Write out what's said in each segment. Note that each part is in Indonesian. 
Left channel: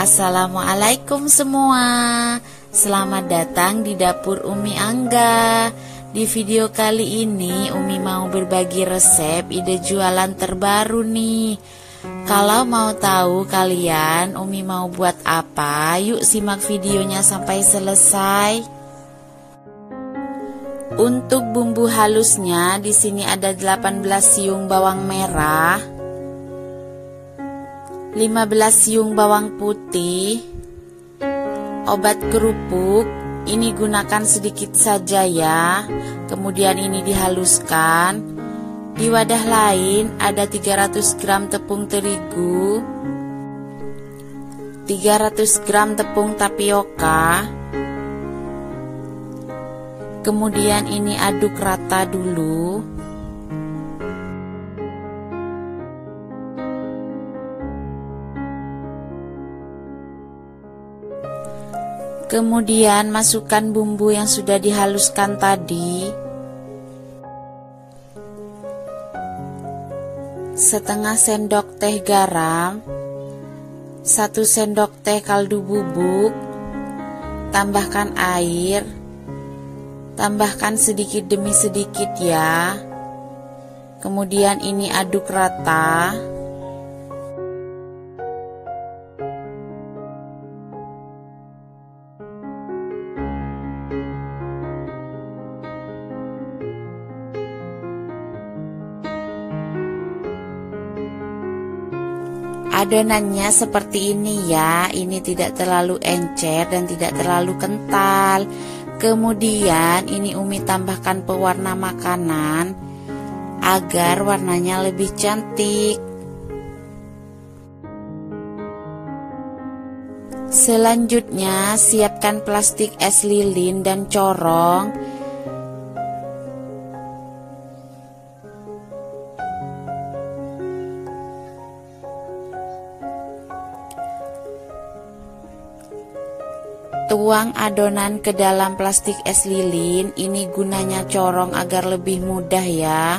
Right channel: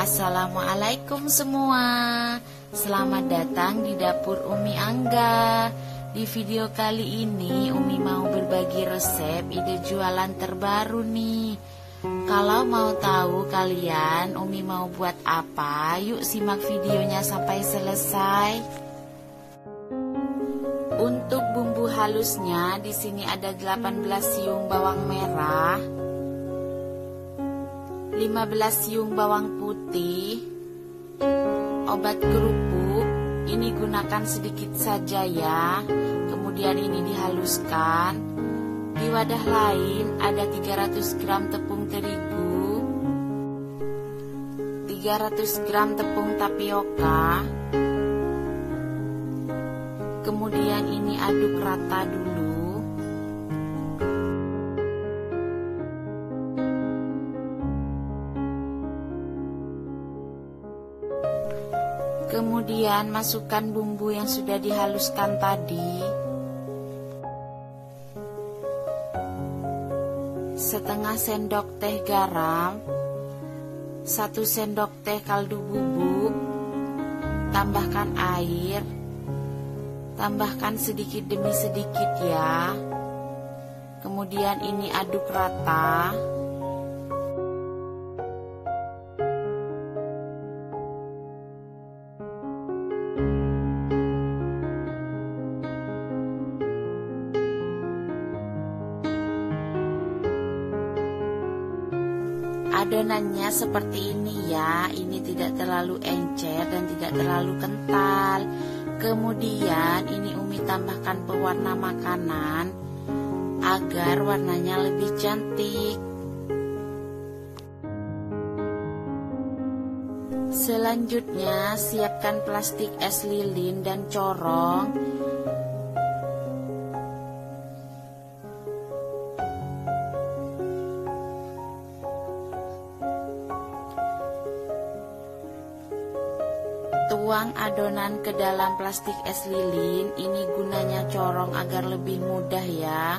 Assalamualaikum semua. Selamat datang di dapur Umi Angga. Di video kali ini Umi mau berbagi resep ide jualan terbaru nih. Kalau mau tahu kalian Umi mau buat apa, yuk simak videonya sampai selesai. Untuk bumbu halusnya di sini ada 18 siung bawang merah, 15 siung bawang putih, obat kerupuk, ini gunakan sedikit saja ya. Kemudian ini dihaluskan. Di wadah lain ada 300 gram tepung terigu, 300 gram tepung tapioka. Kemudian ini aduk rata dulu. Kemudian masukkan bumbu yang sudah dihaluskan tadi. Setengah sendok teh garam, 1 sendok teh kaldu bubuk, tambahkan air, tambahkan sedikit demi sedikit ya. Kemudian ini aduk rata. Adonannya seperti ini ya, ini tidak terlalu encer dan tidak terlalu kental. Kemudian ini Umi tambahkan pewarna makanan agar warnanya lebih cantik. Selanjutnya siapkan plastik es lilin dan corong. Tuang adonan ke dalam plastik es lilin, ini gunanya corong agar lebih mudah ya.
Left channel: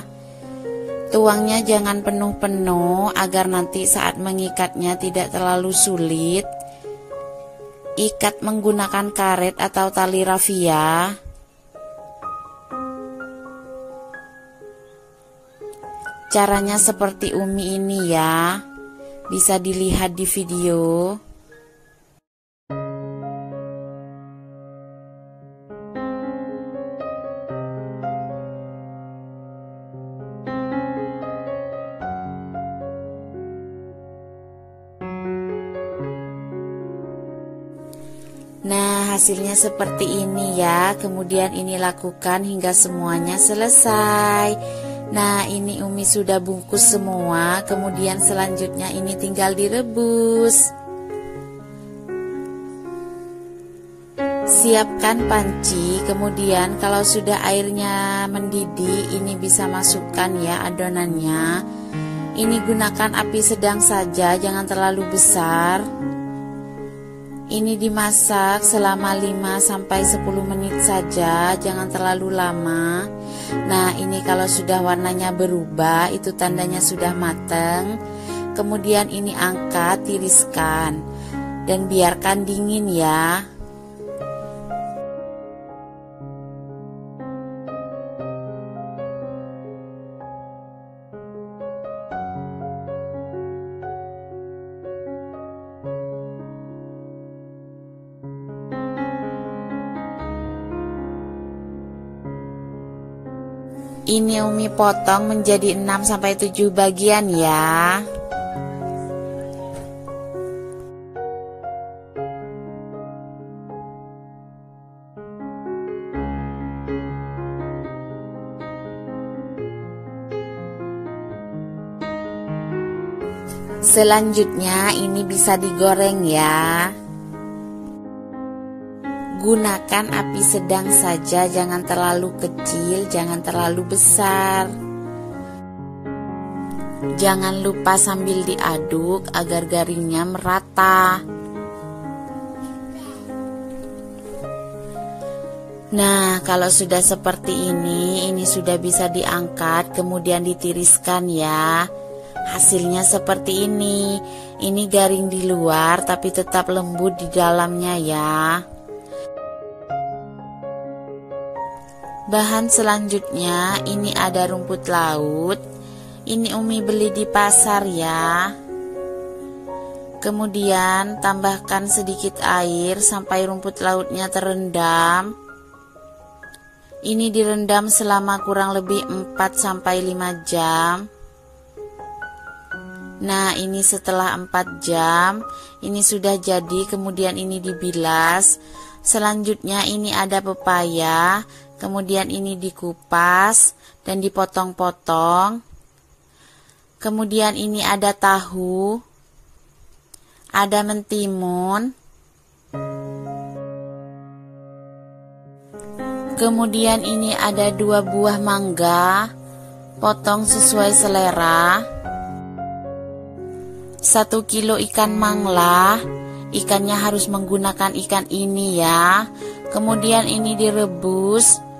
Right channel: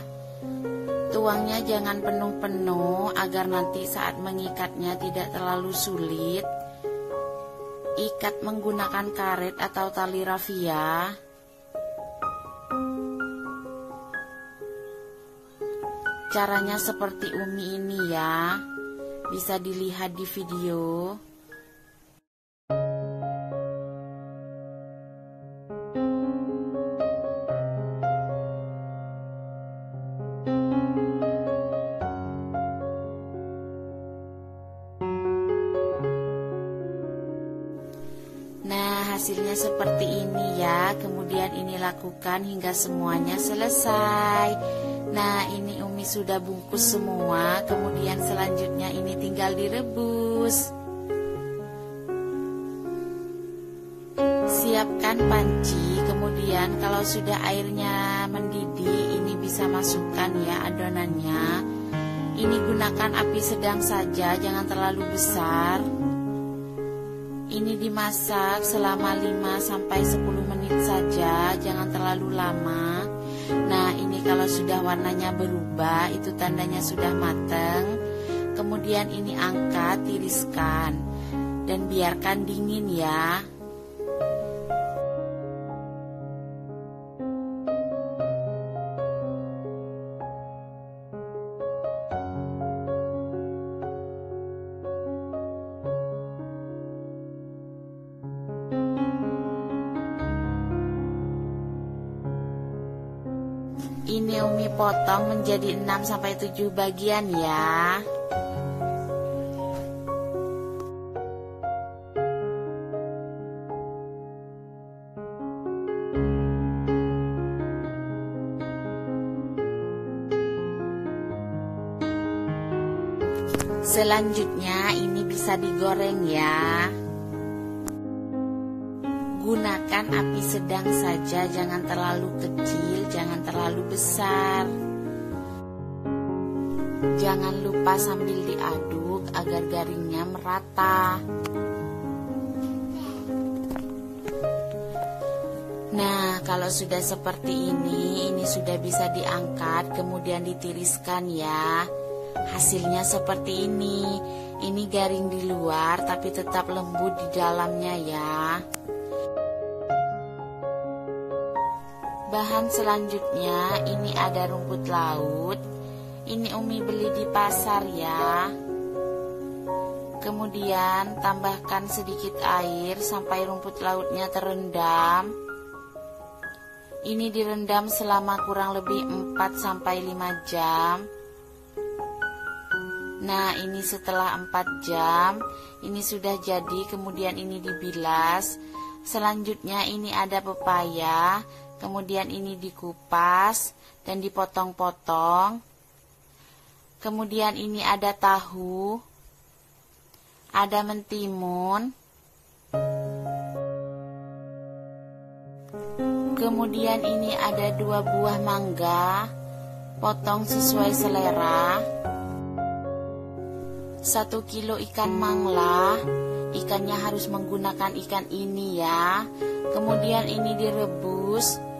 Tuangnya jangan penuh-penuh agar nanti saat mengikatnya tidak terlalu sulit. Ikat menggunakan karet atau tali rafia. Caranya seperti Umi ini ya, bisa dilihat di video. Nah, hasilnya seperti ini ya. Kemudian ini lakukan hingga semuanya selesai. Nah, ini Umi sudah bungkus semua. Kemudian selanjutnya ini tinggal direbus. Siapkan panci. Kemudian kalau sudah airnya mendidih, ini bisa masukkan ya adonannya. Ini gunakan api sedang saja, jangan terlalu besar. Ini dimasak selama 5-10 menit saja, jangan terlalu lama. Nah, ini kalau sudah warnanya berubah, itu tandanya sudah matang. Kemudian ini angkat, tiriskan, dan biarkan dingin ya. Ini Umi potong menjadi 6-7 bagian ya. Selanjutnya ini bisa digoreng ya. Gunakan api sedang saja, jangan terlalu kecil, jangan terlalu besar. Jangan lupa sambil diaduk agar garingnya merata. Nah, kalau sudah seperti ini sudah bisa diangkat, kemudian ditiriskan ya. Hasilnya seperti ini. Ini garing di luar tapi tetap lembut di dalamnya ya. Bahan selanjutnya ini ada rumput laut. Ini Umi beli di pasar ya. Kemudian tambahkan sedikit air sampai rumput lautnya terendam. Ini direndam selama kurang lebih 4-5 jam. Nah, ini setelah 4 jam, ini sudah jadi, kemudian ini dibilas. Selanjutnya ini ada pepaya. Kemudian ini dikupas dan dipotong-potong. Kemudian ini ada tahu, ada mentimun. Kemudian ini ada 2 buah mangga, potong sesuai selera. 1 kilo ikan mangla, ikannya harus menggunakan ikan ini ya. Kemudian ini direbus.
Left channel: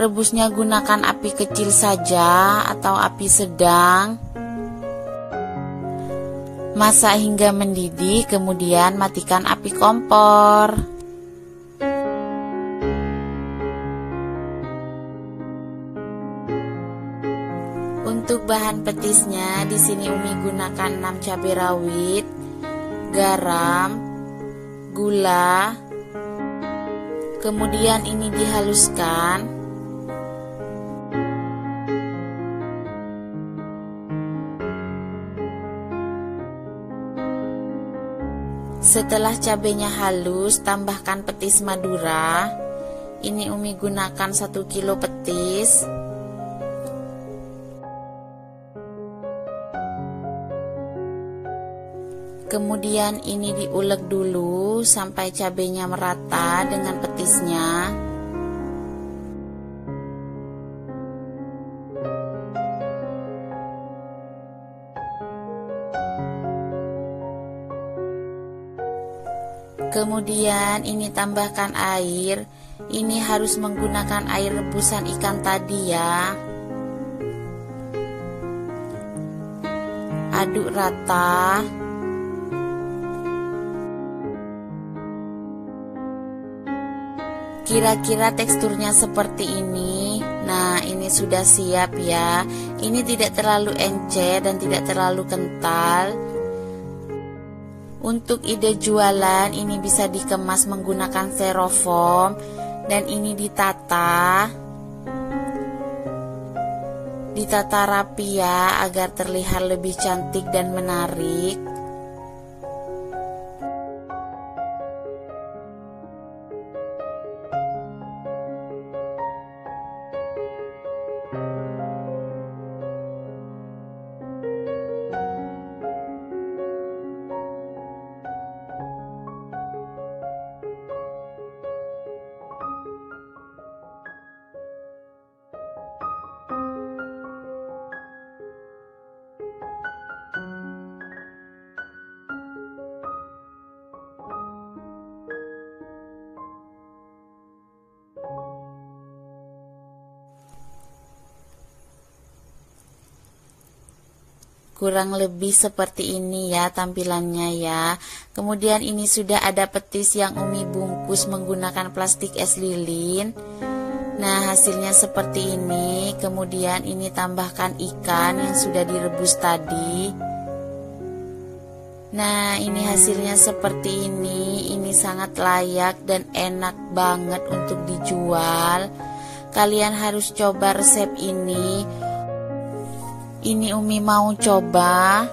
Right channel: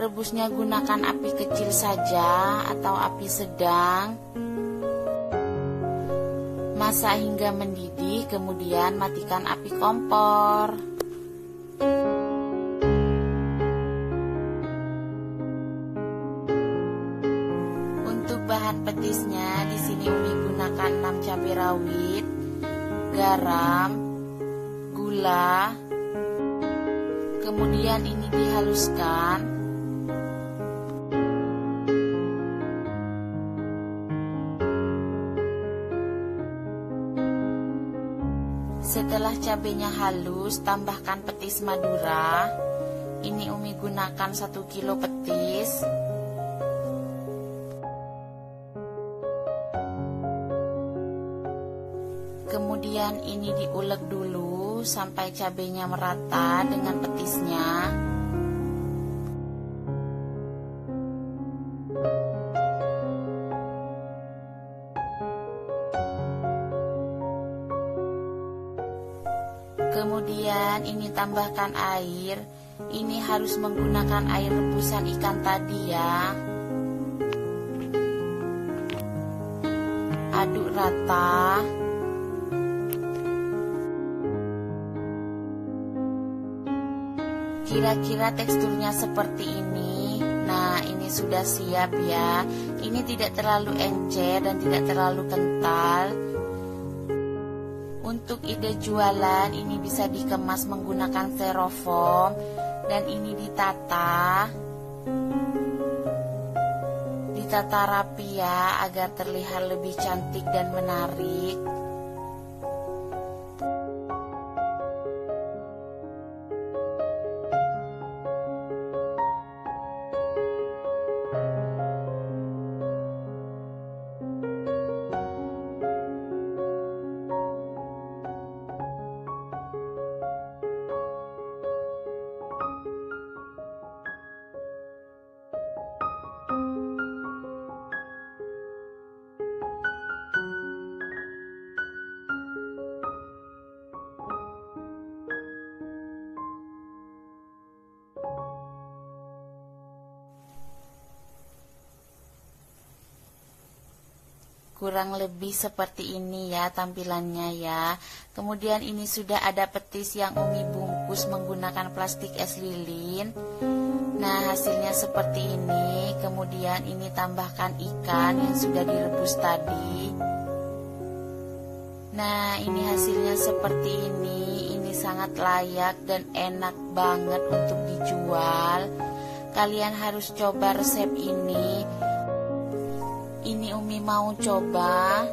Rebusnya gunakan api kecil saja atau api sedang. Masak hingga mendidih, kemudian matikan api kompor. Untuk bahan petisnya, di sini Umi gunakan 6 cabai rawit, garam, gula. Kemudian ini dihaluskan. Setelah cabenya halus, tambahkan petis madura. Ini Umi gunakan 1 kilo petis. Kemudian ini diulek dulu sampai cabenya merata dengan petisnya. Kemudian ini tambahkan air. Ini harus menggunakan air rebusan ikan tadi ya. Aduk rata. Kira-kira teksturnya seperti ini. Nah, ini sudah siap ya. Ini tidak terlalu encer dan tidak terlalu kental. Untuk ide jualan, ini bisa dikemas menggunakan styrofoam dan ini ditata rapi ya, agar terlihat lebih cantik dan menarik. Kurang lebih seperti ini ya tampilannya ya. Kemudian ini sudah ada petis yang Umi bungkus menggunakan plastik es lilin. Nah, hasilnya seperti ini. Kemudian ini tambahkan ikan yang sudah direbus tadi. Nah, ini hasilnya seperti ini. Ini sangat layak dan enak banget untuk dijual. Kalian harus coba resep ini. Ini Umi mau coba.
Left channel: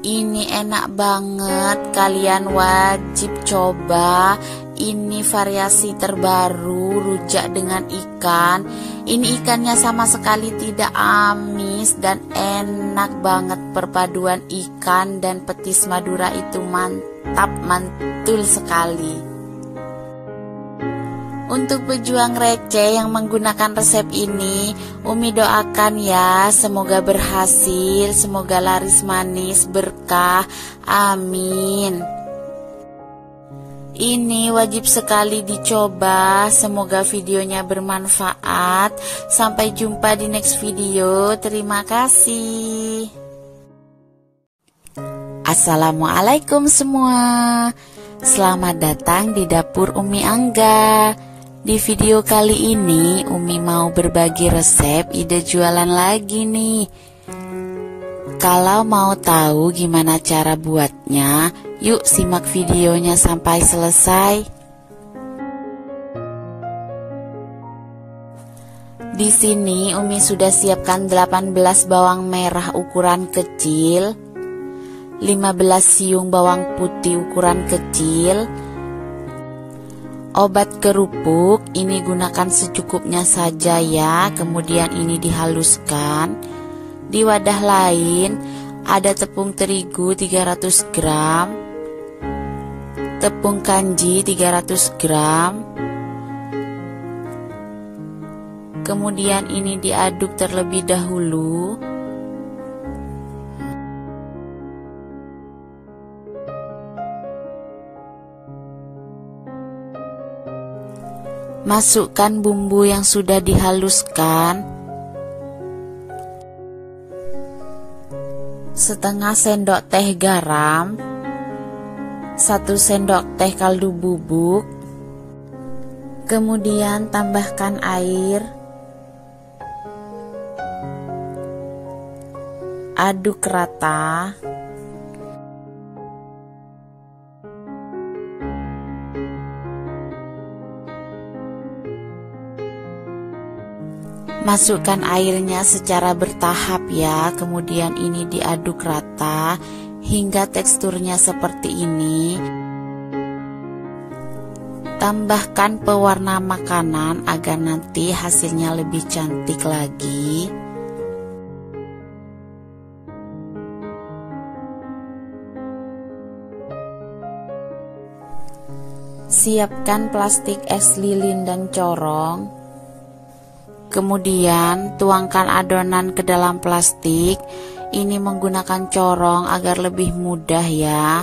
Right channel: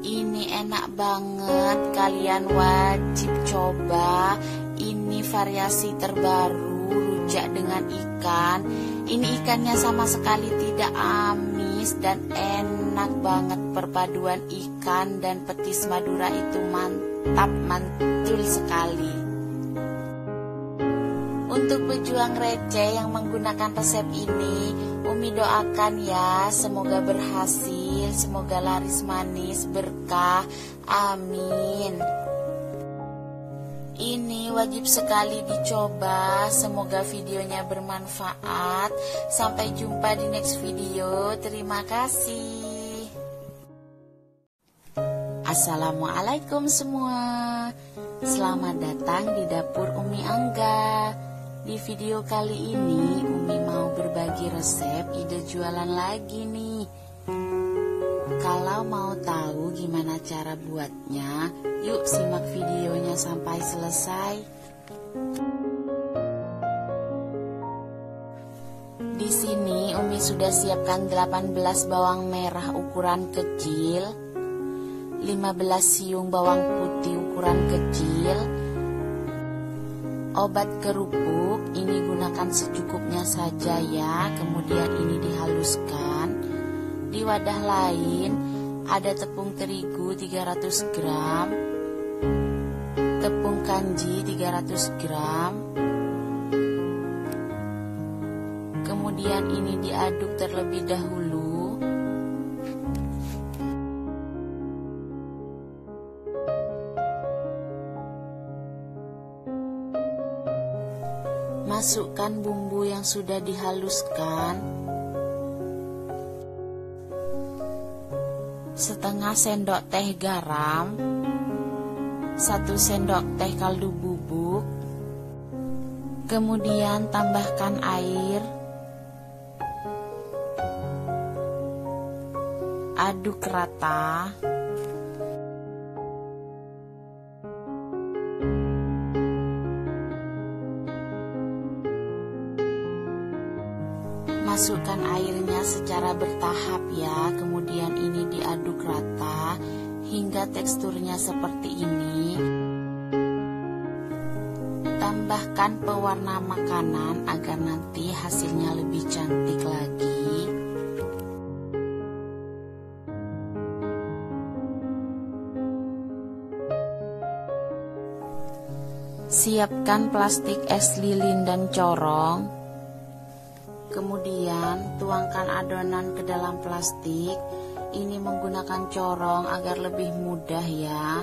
Ini enak banget, kalian wajib coba. Ini variasi terbaru, rujak dengan ikan. Ini ikannya sama sekali tidak amis dan enak banget. Perpaduan ikan dan petis Madura itu mantap, mantul sekali. Untuk pejuang receh yang menggunakan resep ini, Umi doakan ya, semoga berhasil, semoga laris manis, berkah, amin. Ini wajib sekali dicoba. Semoga videonya bermanfaat. Sampai jumpa di next video. Terima kasih. Assalamualaikum semua. Selamat datang di dapur Umi Angga. Di video kali ini Umi mau berbagi resep ide jualan lagi nih. Kalau mau tahu gimana cara buatnya, yuk simak videonya sampai selesai. Di sini Umi sudah siapkan 18 bawang merah ukuran kecil, 15 siung bawang putih ukuran kecil. Obat kerupuk ini gunakan secukupnya saja ya, kemudian ini dihaluskan. Di wadah lain ada tepung terigu 300 gram, tepung kanji 300 gram. Kemudian ini diaduk terlebih dahulu. Masukkan bumbu yang sudah dihaluskan. Setengah sendok teh garam, 1 sendok teh kaldu bubuk. Kemudian tambahkan air. Aduk rata. Masukkan airnya secara bertahap ya, kemudian ini diaduk rata hingga teksturnya seperti ini. Tambahkan pewarna makanan agar nanti hasilnya lebih cantik lagi. Siapkan plastik es lilin dan corong. Kemudian tuangkan adonan ke dalam plastik. Ini menggunakan corong agar lebih mudah ya.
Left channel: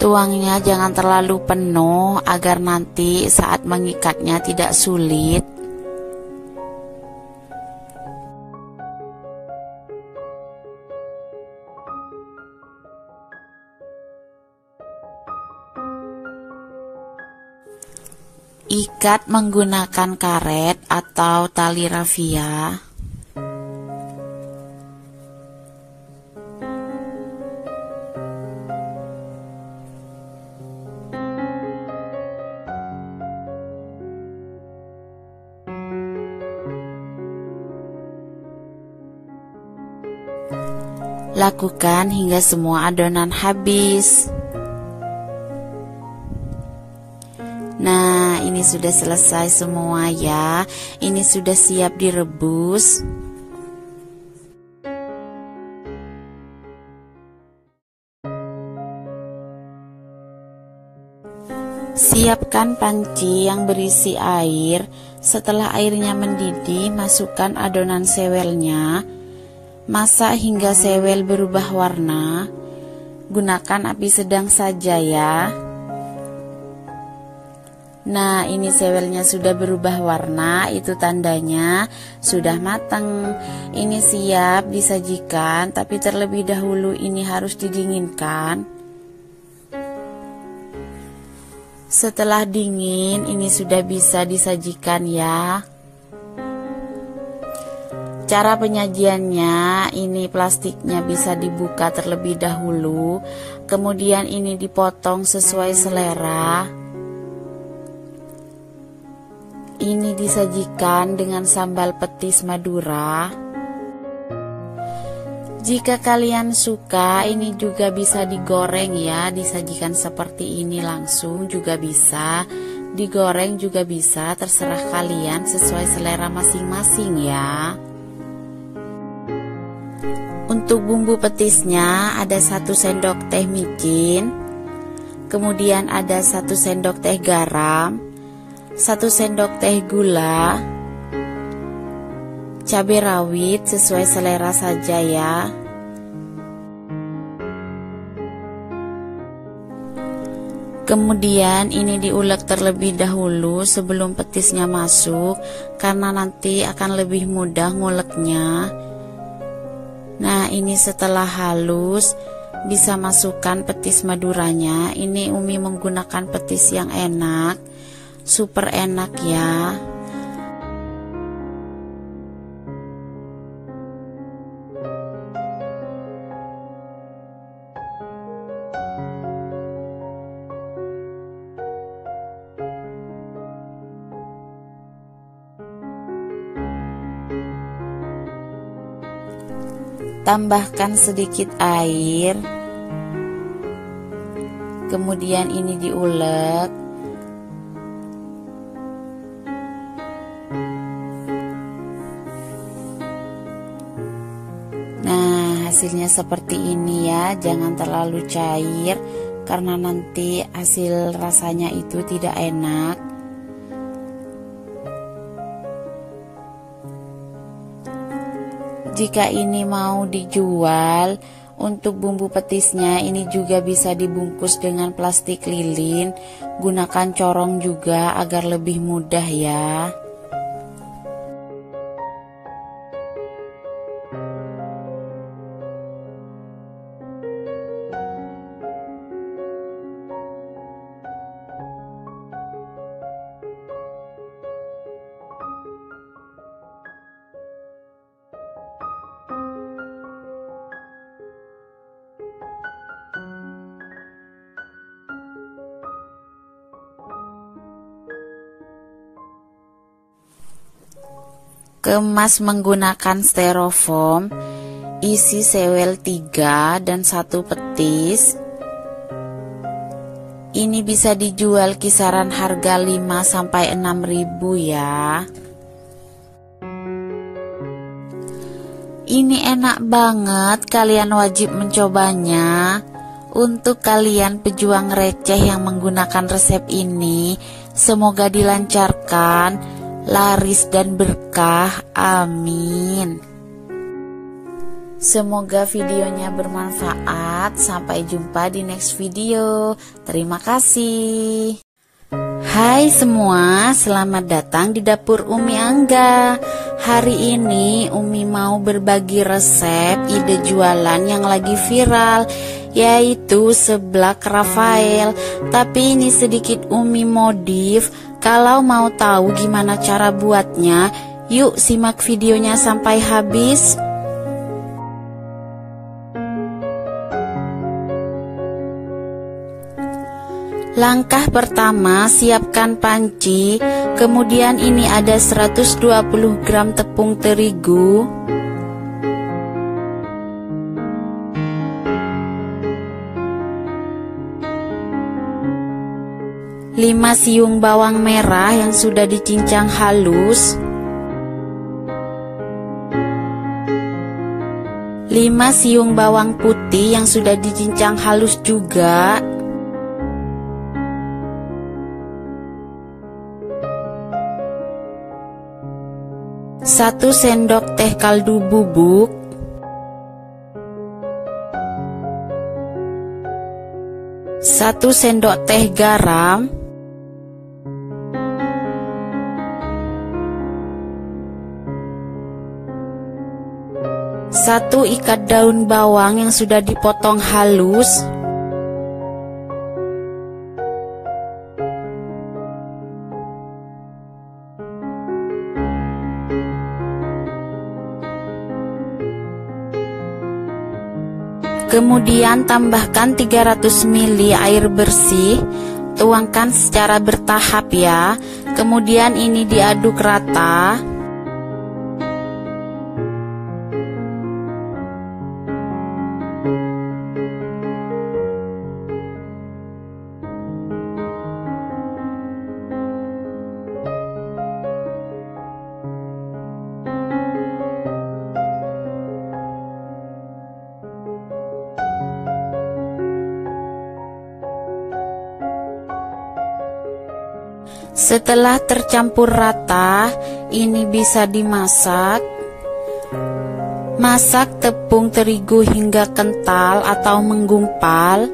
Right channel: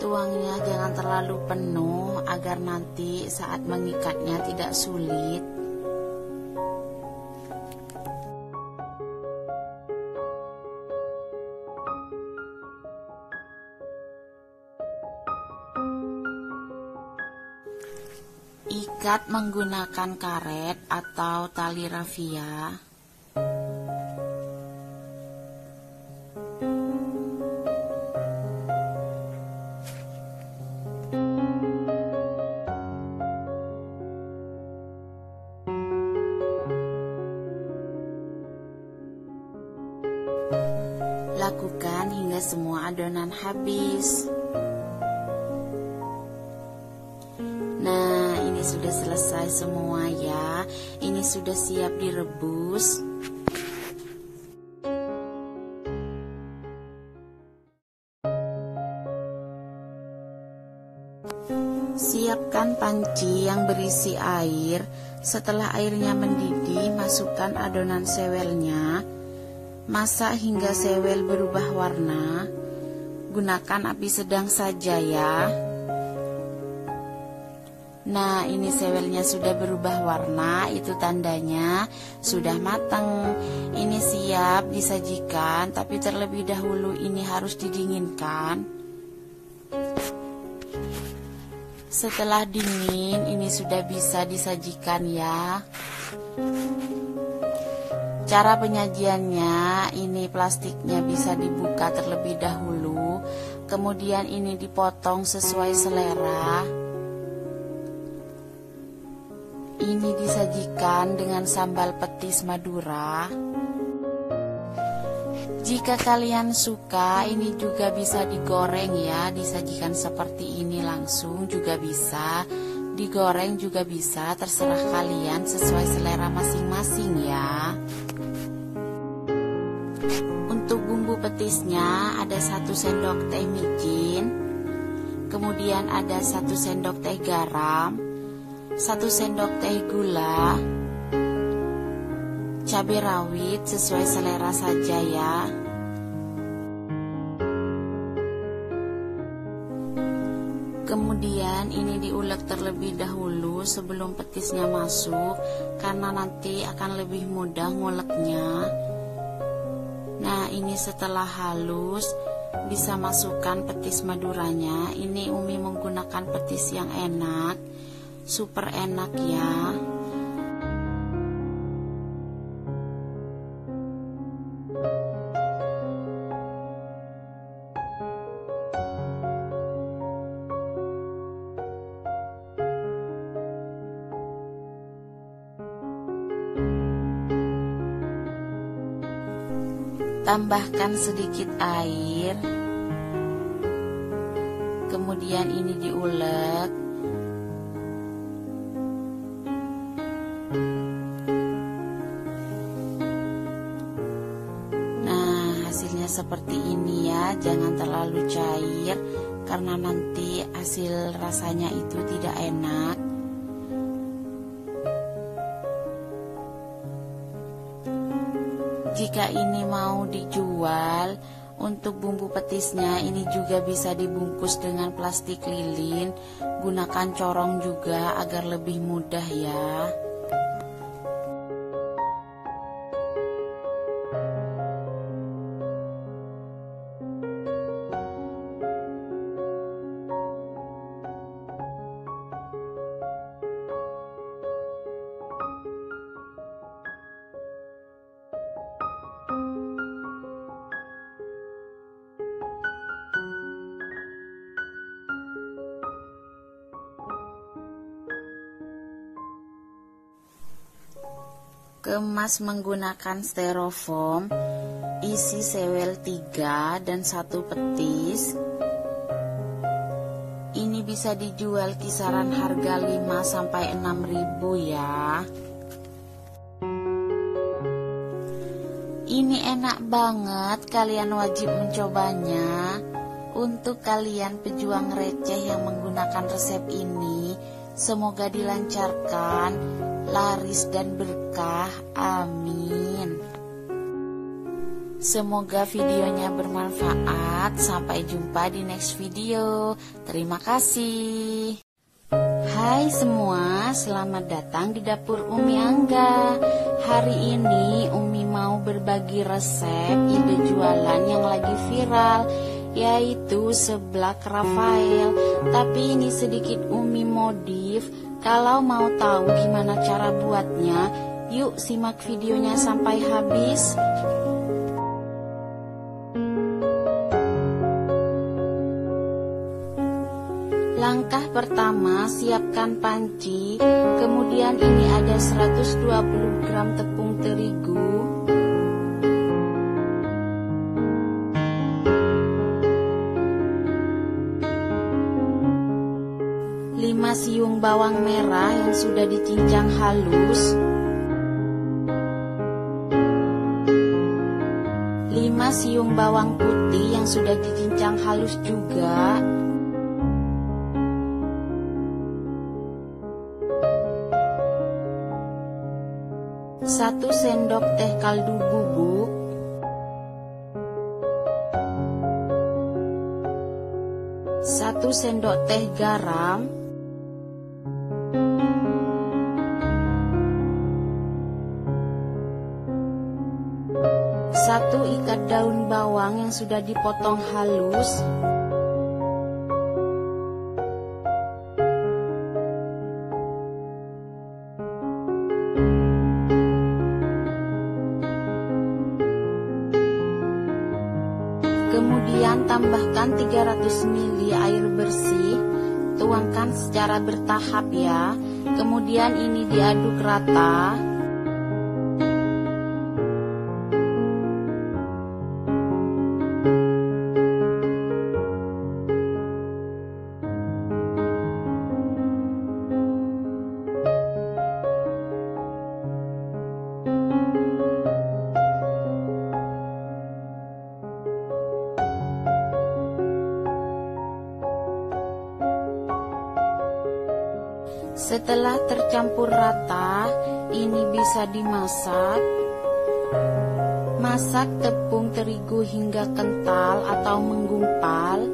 Tuangnya jangan terlalu penuh agar nanti saat mengikatnya tidak sulit. Ikat menggunakan karet atau tali rafia. Lakukan hingga semua adonan habis. Nah, ini sudah selesai semua ya. Ini sudah siap direbus. Siapkan panci yang berisi air. Setelah airnya mendidih, masukkan adonan sewelnya. Masak hingga sewel berubah warna. Gunakan api sedang saja ya. Nah, ini sewelnya sudah berubah warna, itu tandanya sudah matang. Ini siap disajikan, tapi terlebih dahulu ini harus didinginkan. Setelah dingin, ini sudah bisa disajikan ya. Cara penyajiannya, ini plastiknya bisa dibuka terlebih dahulu, kemudian ini dipotong sesuai selera. Ini disajikan dengan sambal petis Madura. Jika kalian suka, ini juga bisa digoreng ya, disajikan seperti ini langsung juga bisa, digoreng juga bisa, terserah kalian sesuai selera masing-masing ya. Untuk bumbu petisnya ada 1 sendok teh micin, kemudian ada 1 sendok teh garam, 1 sendok teh gula, cabai rawit sesuai selera saja ya. Kemudian ini diulek terlebih dahulu sebelum petisnya masuk, karena nanti akan lebih mudah nguleknya. Nah, ini setelah halus bisa masukkan petis maduranya. Ini Umi menggunakan petis yang enak, super enak ya. Tambahkan sedikit air, kemudian ini diulek. Nah, hasilnya seperti ini ya, jangan terlalu cair karena nanti hasil rasanya itu tidak enak. Jika ini mau dijual, untuk bumbu petisnya ini juga bisa dibungkus dengan plastik lilin. Gunakan corong juga agar lebih mudah ya. Kemas menggunakan styrofoam, isi sewel 3 dan 1 petis. Ini bisa dijual kisaran harga 5-6 ribu ya. Ini enak banget, kalian wajib mencobanya. Untuk kalian pejuang receh yang menggunakan resep ini, semoga dilancarkan, laris dan berkah, amin. Semoga videonya bermanfaat. Sampai jumpa di next video. Terima kasih. Hai semua, selamat datang di dapur Umi Angga. Hari ini Umi mau berbagi resep ide jualan yang lagi viral, yaitu seblak Rafael. Tapi ini sedikit Umi modif. Kalau mau tahu gimana cara buatnya, yuk simak videonya sampai habis. Langkah pertama, siapkan panci. Kemudian ini ada 120 gram tepung terigu, 5 siung bawang merah yang sudah dicincang halus, 5 siung bawang putih yang sudah dicincang halus juga, 1 sendok teh kaldu bubuk, 1 sendok teh garam, 1 ikat daun bawang yang sudah dipotong halus, 1 kemudian tambahkan 300 ml air bersih, tuangkan secara bertahap ya. Kemudian ini diaduk rata. Setelah tercampur rata, ini bisa dimasak. Masak tepung terigu hingga kental atau menggumpal.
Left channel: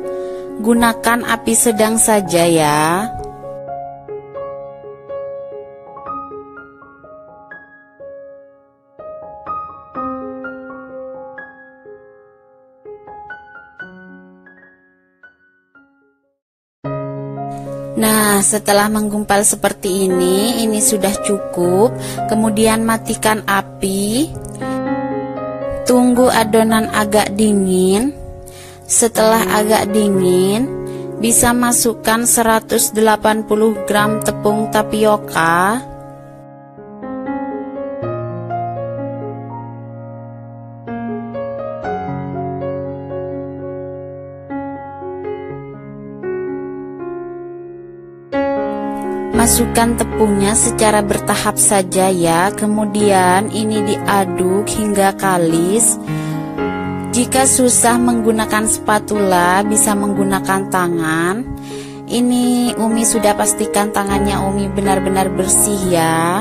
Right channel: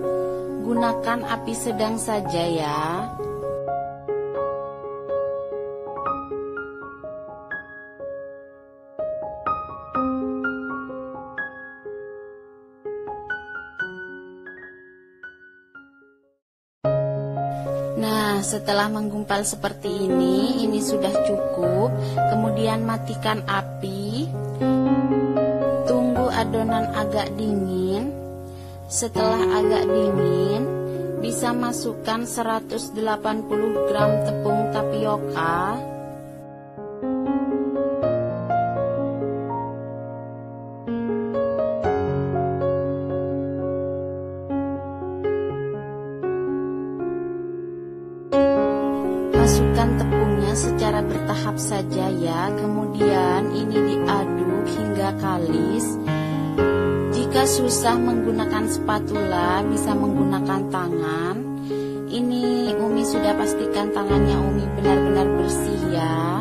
Gunakan api sedang saja ya. Nah, setelah menggumpal seperti ini sudah cukup. Kemudian matikan api. Tunggu adonan agak dingin. Setelah agak dingin, bisa masukkan 180 gram tepung tapioka, masukkan tepungnya secara bertahap saja ya. Kemudian ini diaduk hingga kalis. Jika susah menggunakan spatula, bisa menggunakan tangan. Ini Umi sudah pastikan tangannya Umi benar-benar bersih ya.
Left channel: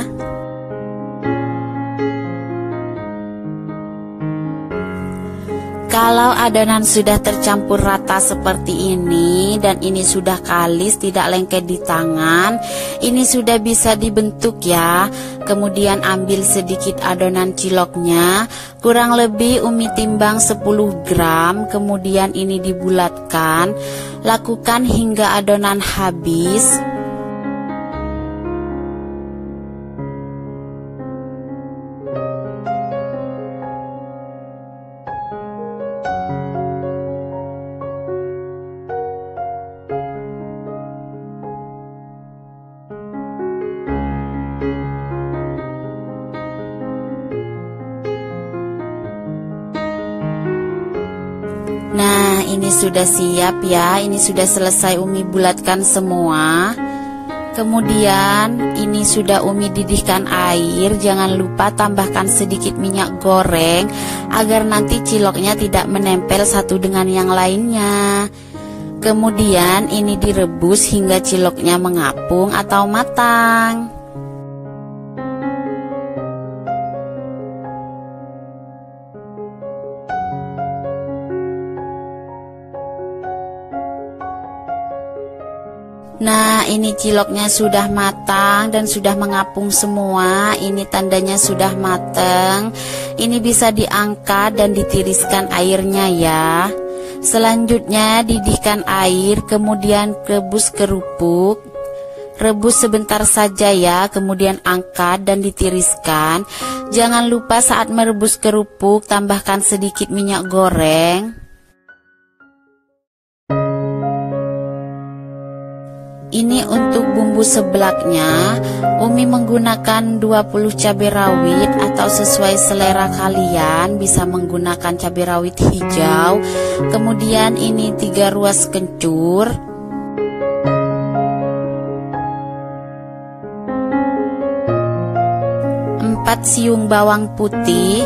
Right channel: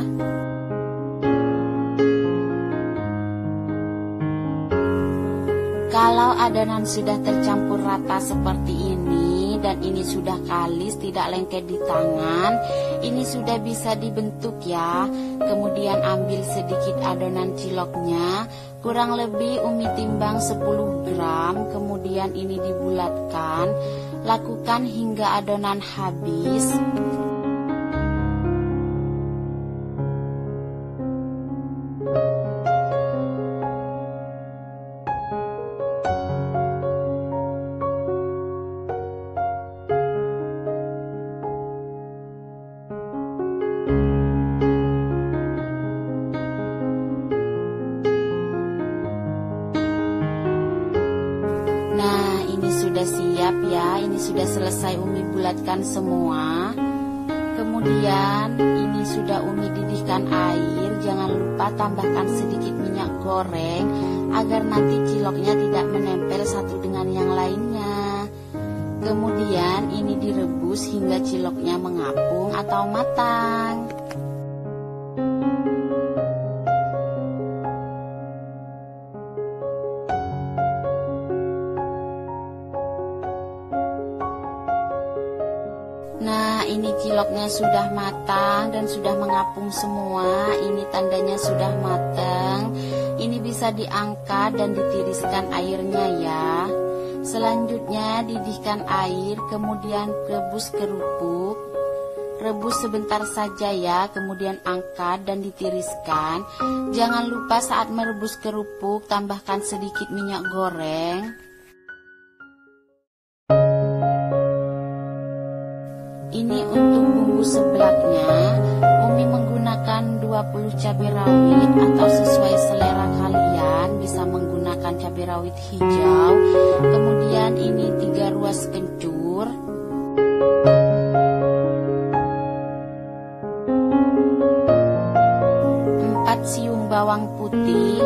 Kalau adonan sudah tercampur rata seperti ini dan ini sudah kalis, tidak lengket di tangan, ini sudah bisa dibentuk ya. Kemudian ambil sedikit adonan ciloknya, kurang lebih Umi timbang 10 gram. Kemudian ini dibulatkan, lakukan hingga adonan habis. Nah, ini sudah siap ya. Ini sudah selesai Umi bulatkan semua. Kemudian ini sudah Umi didihkan air. Jangan lupa tambahkan sedikit minyak goreng agar nanti ciloknya tidak menempel satu dengan yang lainnya. Kemudian ini direbus hingga ciloknya mengapung atau matang. Nah, ini ciloknya sudah matang dan sudah mengapung semua. Ini tandanya sudah matang. Ini bisa diangkat dan ditiriskan airnya ya. Selanjutnya didihkan air, kemudian rebus kerupuk. Rebus sebentar saja ya, kemudian angkat dan ditiriskan. Jangan lupa saat merebus kerupuk tambahkan sedikit minyak goreng. Ini untuk bumbu seblaknya, Umi menggunakan 20 cabai rawit atau sesuai selera kalian, bisa menggunakan cabai rawit hijau. Kemudian ini 3 ruas kencur, 4 siung bawang putih,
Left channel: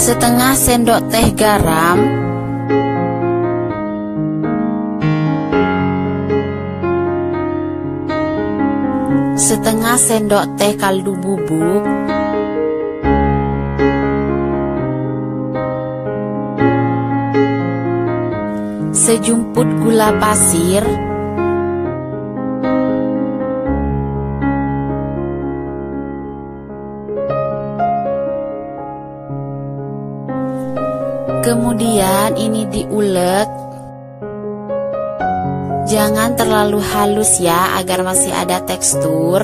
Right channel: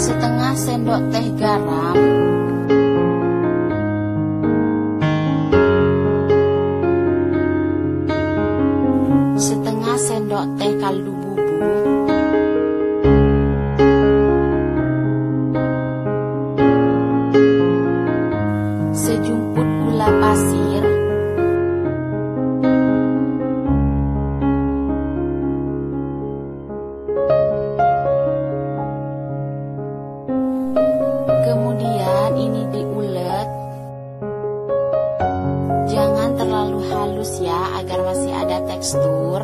setengah sendok teh garam, setengah sendok teh kaldu bubuk, sejumput gula pasir, kemudian ini diulek. Jangan terlalu halus ya, agar masih ada tekstur.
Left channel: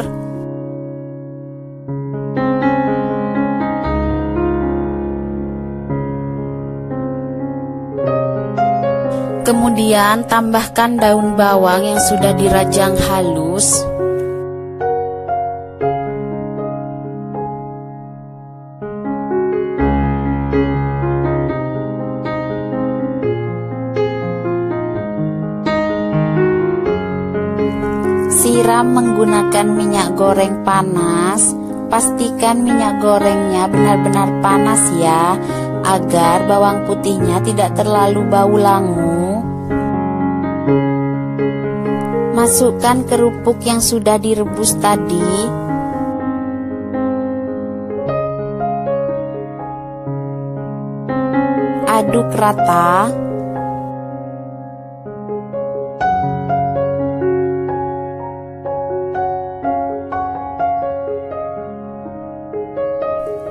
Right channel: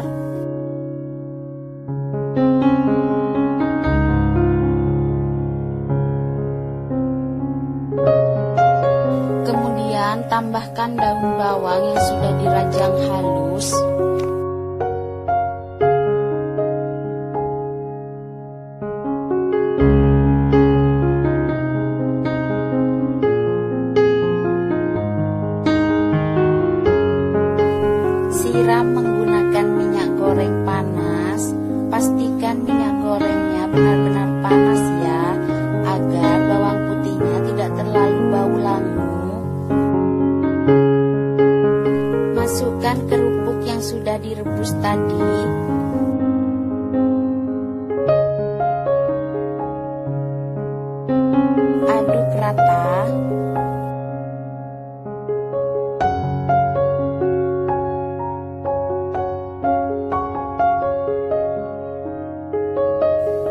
Kemudian tambahkan daun bawang yang sudah dirajang halus. Siram menggunakan minyak goreng panas. Pastikan minyak gorengnya benar-benar panas ya, agar bawang putihnya tidak terlalu bau langu. Masukkan kerupuk yang sudah direbus tadi. rata.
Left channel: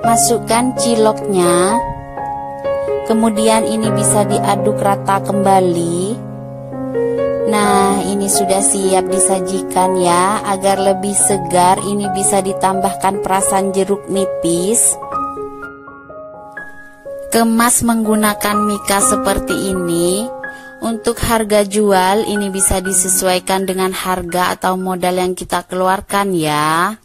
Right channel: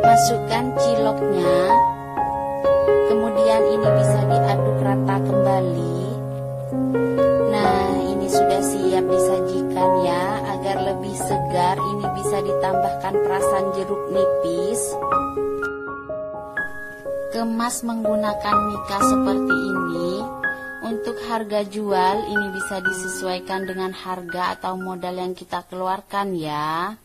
Masukkan ciloknya. Kemudian ini bisa diaduk rata kembali. Nah, ini sudah siap disajikan ya. Agar lebih segar, ini bisa ditambahkan perasan jeruk nipis. Kemas menggunakan mika seperti ini. Untuk harga jual, ini bisa disesuaikan dengan harga atau modal yang kita keluarkan ya.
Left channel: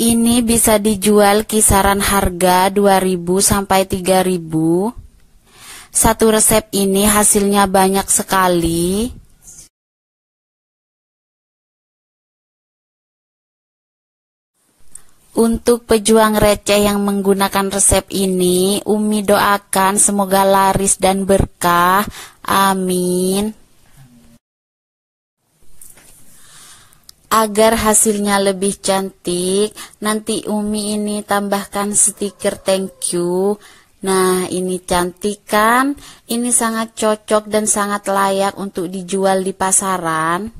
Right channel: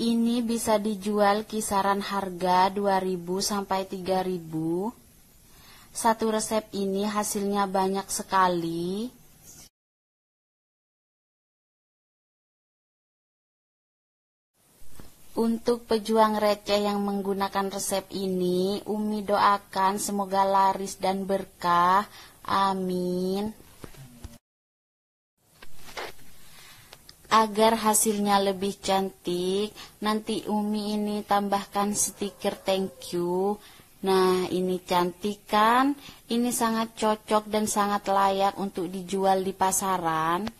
Ini bisa dijual kisaran harga 2.000 sampai 3.000. Satu resep ini hasilnya banyak sekali. Untuk pejuang receh yang menggunakan resep ini, Umi doakan semoga laris dan berkah. Amin. Agar hasilnya lebih cantik, nanti Umi ini tambahkan stiker thank you. Nah, ini cantik kan? Ini sangat cocok dan sangat layak untuk dijual di pasaran.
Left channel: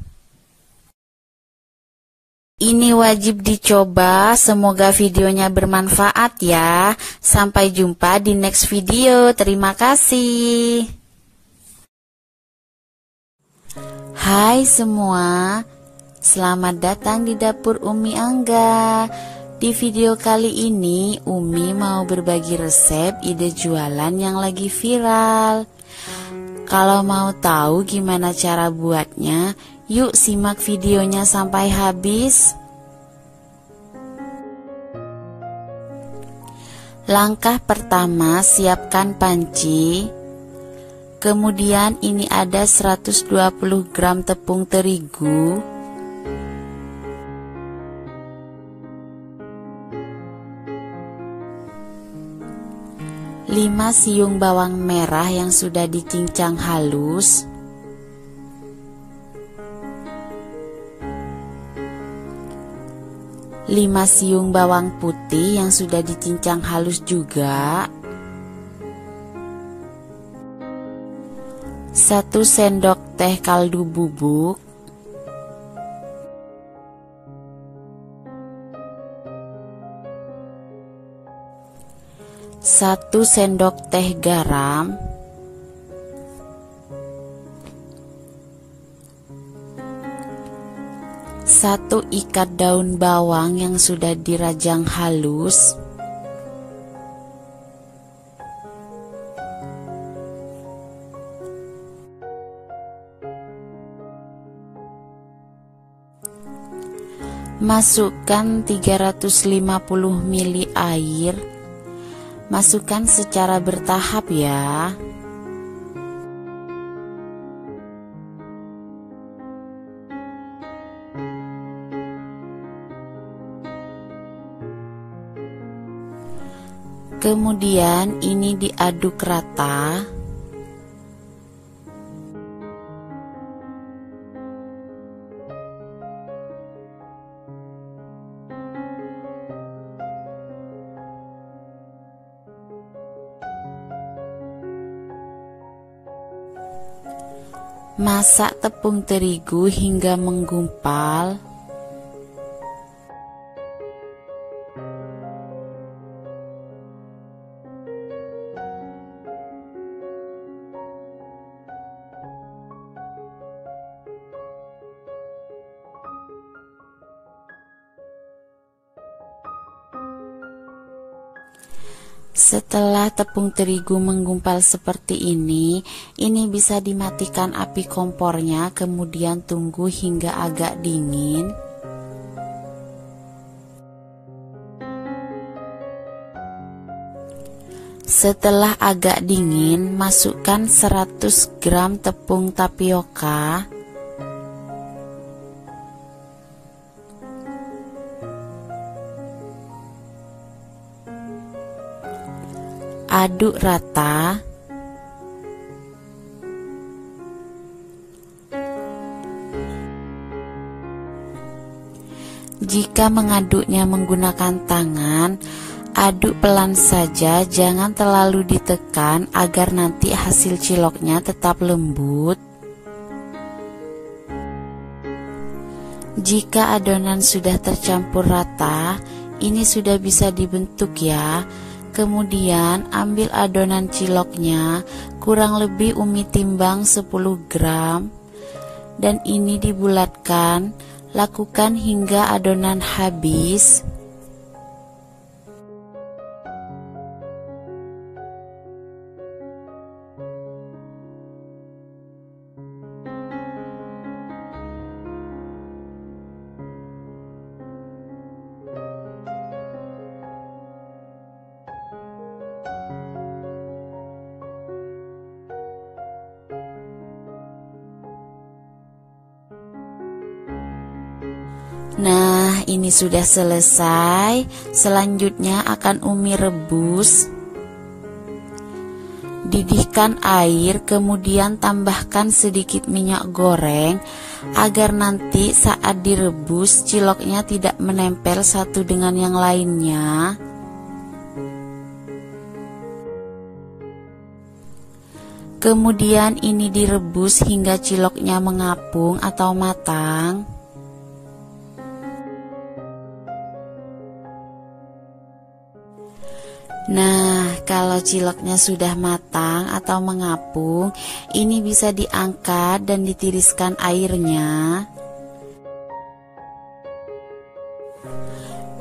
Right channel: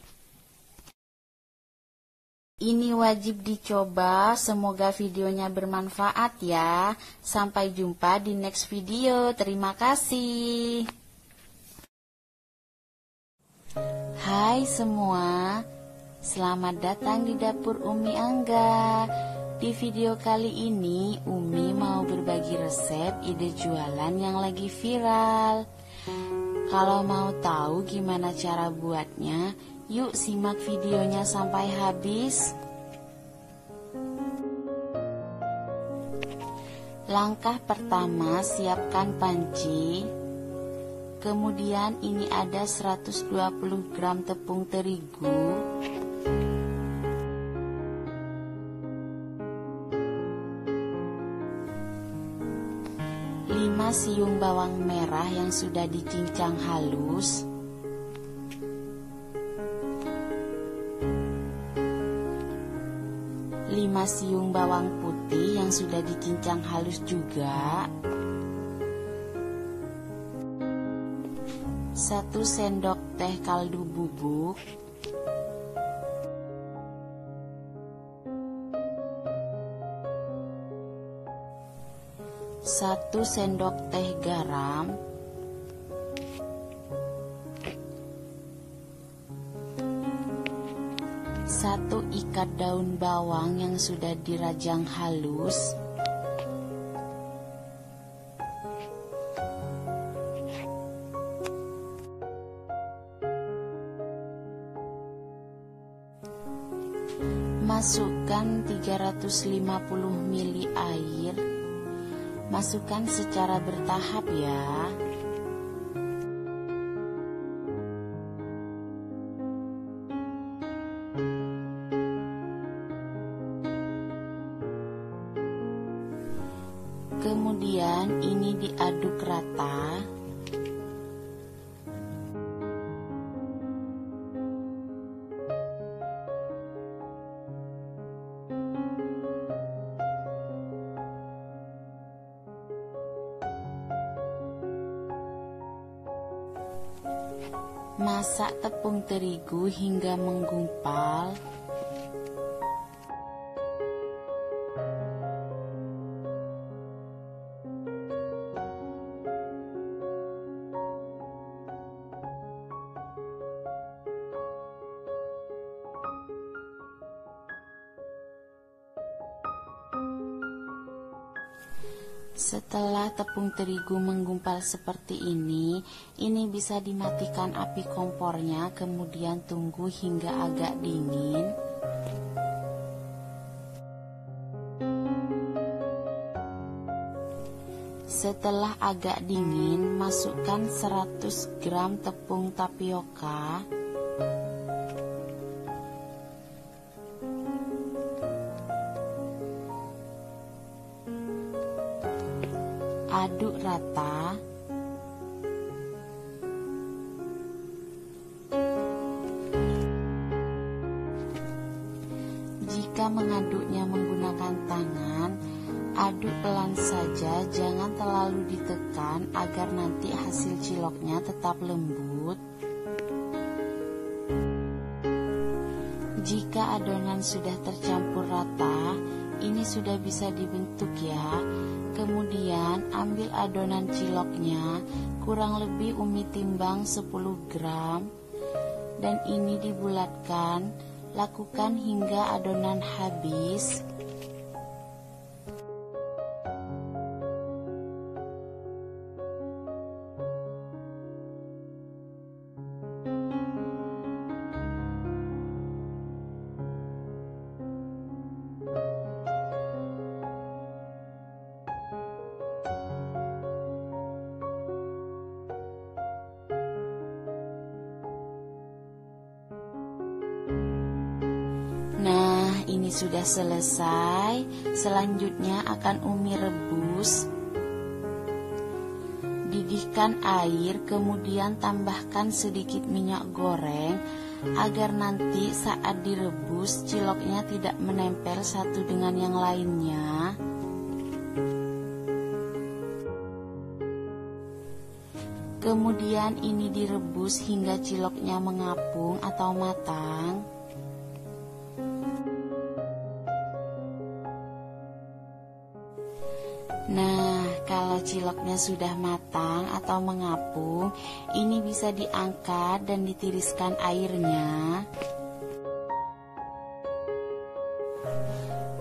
Ini wajib dicoba, semoga videonya bermanfaat ya. Sampai jumpa di next video, terima kasih. Hai semua, selamat datang di dapur Umi Angga. Di video kali ini, Umi mau berbagi resep ide jualan yang lagi viral. Kalau mau tahu gimana cara buatnya, yuk simak videonya sampai habis. Langkah pertama, siapkan panci. Kemudian ini ada 120 gram tepung terigu, 5 siung bawang merah yang sudah dicincang halus, 5 siung bawang putih yang sudah dicincang halus juga, 1 sendok teh kaldu bubuk, 1 sendok teh garam, 1 ikat daun bawang yang sudah dirajang halus, 1 masukkan 350 ml air. Masukkan secara bertahap ya. Kemudian ini diaduk rata. Masak tepung terigu hingga menggumpal. Setelah tepung terigu menggumpal seperti ini bisa dimatikan api kompornya, kemudian tunggu hingga agak dingin. Setelah agak dingin, masukkan 100 gram tepung tapioka, aduk rata. Jika mengaduknya menggunakan tangan, Aduk pelan saja, jangan terlalu ditekan agar nanti hasil ciloknya tetap lembut. Jika adonan sudah tercampur rata, ini sudah bisa dibentuk ya. Kemudian ambil adonan ciloknya, kurang lebih Umi timbang 10 gram, dan ini dibulatkan. Lakukan hingga adonan habis. Nah, ini sudah selesai. Selanjutnya akan Umi rebus. Didihkan air, kemudian tambahkan sedikit minyak goreng agar nanti saat direbus ciloknya tidak menempel satu dengan yang lainnya. Kemudian ini direbus hingga ciloknya mengapung atau matang. Nah, kalau ciloknya sudah matang atau mengapung, ini bisa diangkat dan ditiriskan airnya.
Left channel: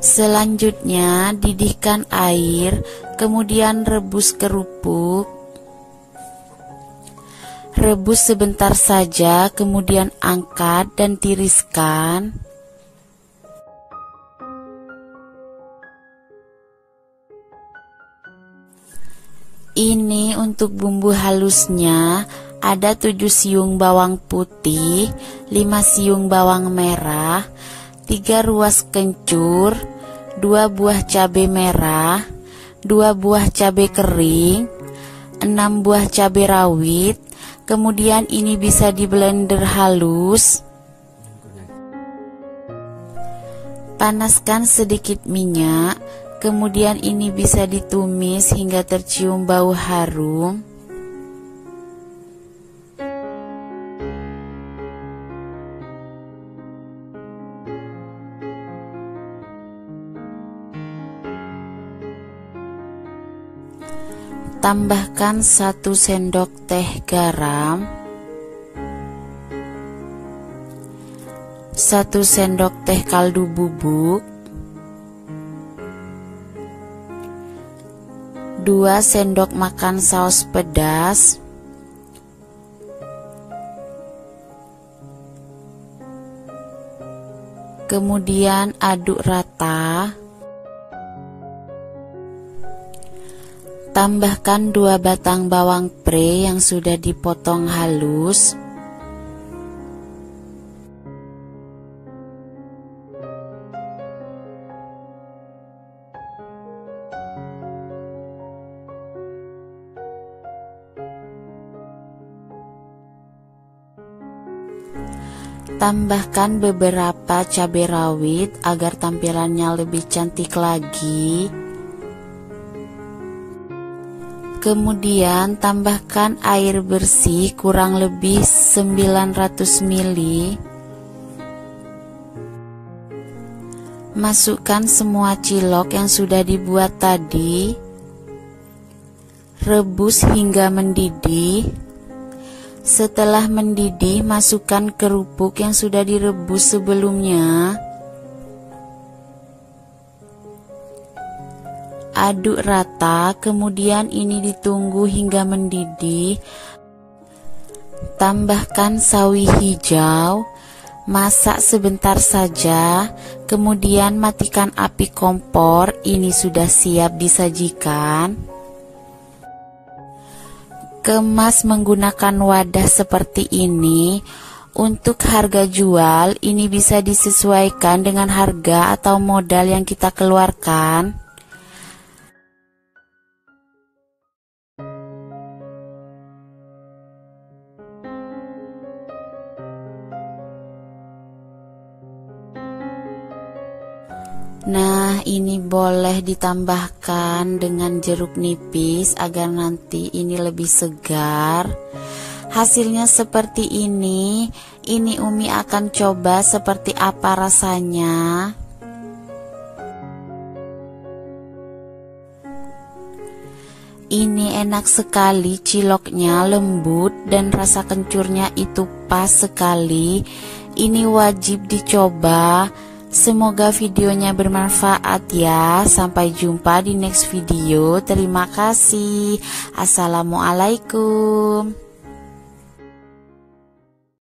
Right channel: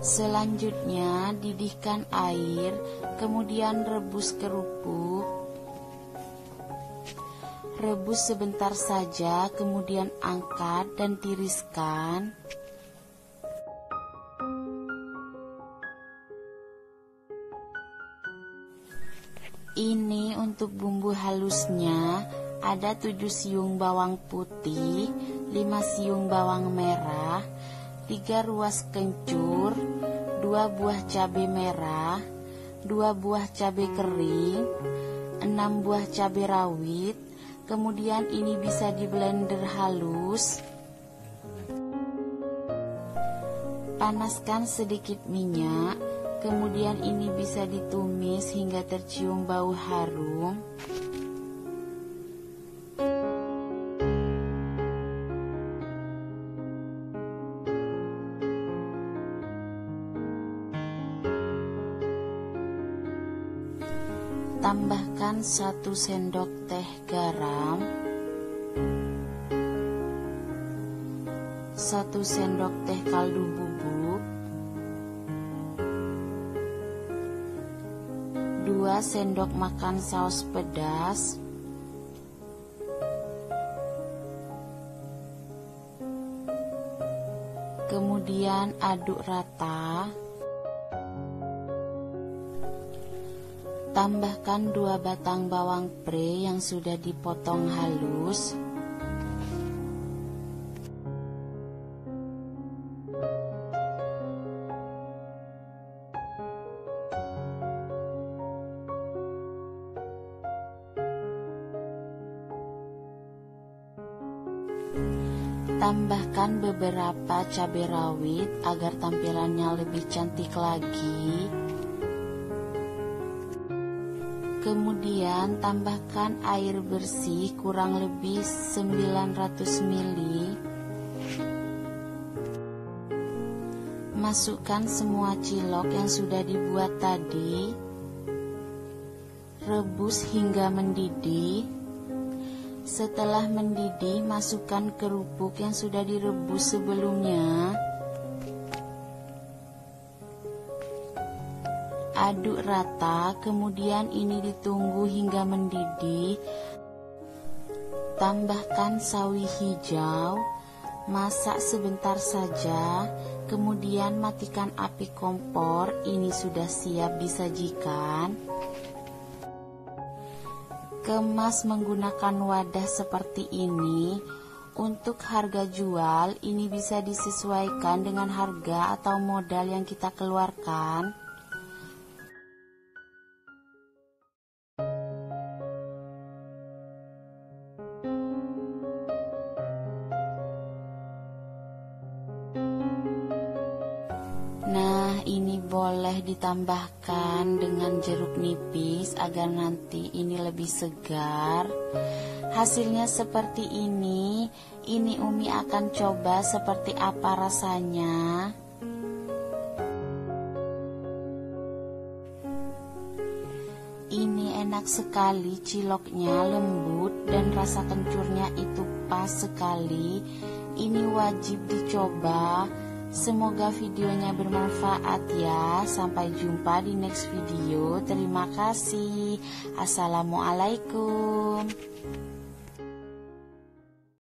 Selanjutnya, didihkan air, kemudian rebus kerupuk. Rebus sebentar saja, kemudian angkat dan tiriskan. Ini untuk bumbu halusnya, ada 7 siung bawang putih, 5 siung bawang merah, 3 ruas kencur, 2 buah cabai merah, 2 buah cabai kering, 6 buah cabai rawit. Kemudian ini bisa di blender halus. Panaskan sedikit minyak. Kemudian ini bisa ditumis hingga tercium bau harum. Tambahkan 1 sendok teh garam, 1 sendok teh kaldu bubuk, 2 sendok makan saus pedas, kemudian aduk rata. Tambahkan 2 batang bawang pre yang sudah dipotong halus. Tambahkan beberapa cabai rawit agar tampilannya lebih cantik lagi. Kemudian tambahkan air bersih kurang lebih 900 ml. Masukkan semua cilok yang sudah dibuat tadi. Rebus hingga mendidih. Setelah mendidih, masukkan kerupuk yang sudah direbus sebelumnya. Aduk rata, kemudian ini ditunggu hingga mendidih. Tambahkan sawi hijau, masak sebentar saja, kemudian matikan api kompor. Ini sudah siap disajikan. Kemas menggunakan wadah seperti ini. Untuk harga jual, ini bisa disesuaikan dengan harga atau modal yang kita keluarkan. Nah, ini boleh ditambahkan dengan jeruk nipis agar nanti ini lebih segar. Hasilnya seperti ini. Ini Umi akan coba seperti apa rasanya. Ini enak sekali, ciloknya lembut dan rasa kencurnya itu pas sekali. Ini wajib dicoba. Semoga videonya bermanfaat ya. Sampai jumpa di next video. Terima kasih. Assalamualaikum.